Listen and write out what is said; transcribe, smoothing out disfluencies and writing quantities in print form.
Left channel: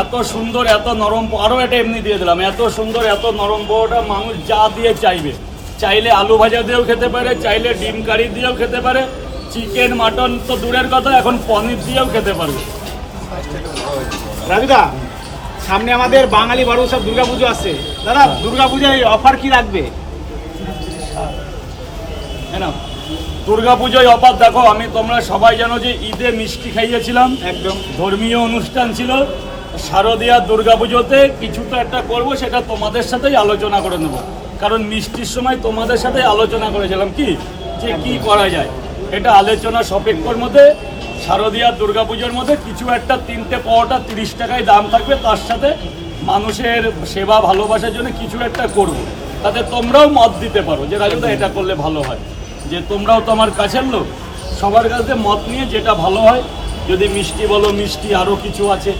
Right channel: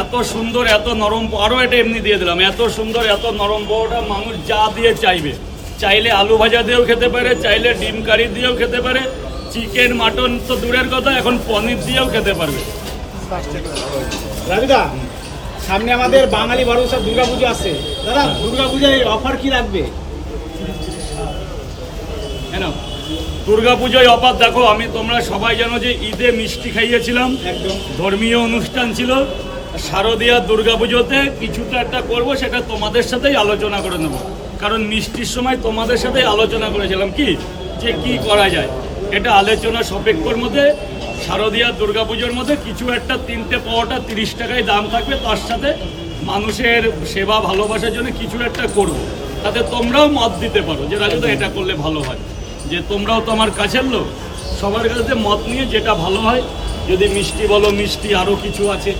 এত সুন্দর এত নরম, আরো এটা এমনি দিয়ে দিলাম, এত সুন্দর এত নরম পোহাটা মানুষ যা দিয়ে চাইবে, চাইলে আলু ভাজা দিয়েও খেতে পারে, চাইলে ডিম কারি দিয়েও খেতে পারে, চিকেন মাটন তো দূরের কথা, এখন পনির দিয়েও খেতে পারবে। দাদা সামনে আমাদের বাঙালি বড় উৎসব দুর্গাপুজো আছে, দাদা দুর্গাপূজায় অফার কি রাখবে? কেন দুর্গাপুজোয় অফার দেখো, আমি তোমরা সবাই জানো যে ঈদে মিষ্টি খাইয়েছিলাম, একদম ধর্মীয় অনুষ্ঠান ছিল। শারদীয়া দুর্গাপুজোতে কিছুটা একটা করবো, সেটা তোমাদের সাথেই আলোচনা করে নেবো, কারণ মিষ্টির সময় তোমাদের সাথে আলোচনা করেছিলাম কি যে কি করা যায়। এটা আলোচনা সাপেক্ষর মধ্যে শারদীয়া দুর্গাপুজোর মধ্যে কিছু একটা 3টে পাওয়াটা 30 টাকায় দাম থাকবে, তার সাথে মানুষের সেবা ভালোবাসার জন্য কিছু একটা করবো, তাতে তোমরাও মত দিতে পারো যে রাজুদা এটা করলে ভালো হয়, যে তোমরাও তো আমার কাছের লোক, সবার কাছে মত নিয়ে যেটা ভালো হয়, যদি মিষ্টি বলো মিষ্টি, আরও কিছু আছে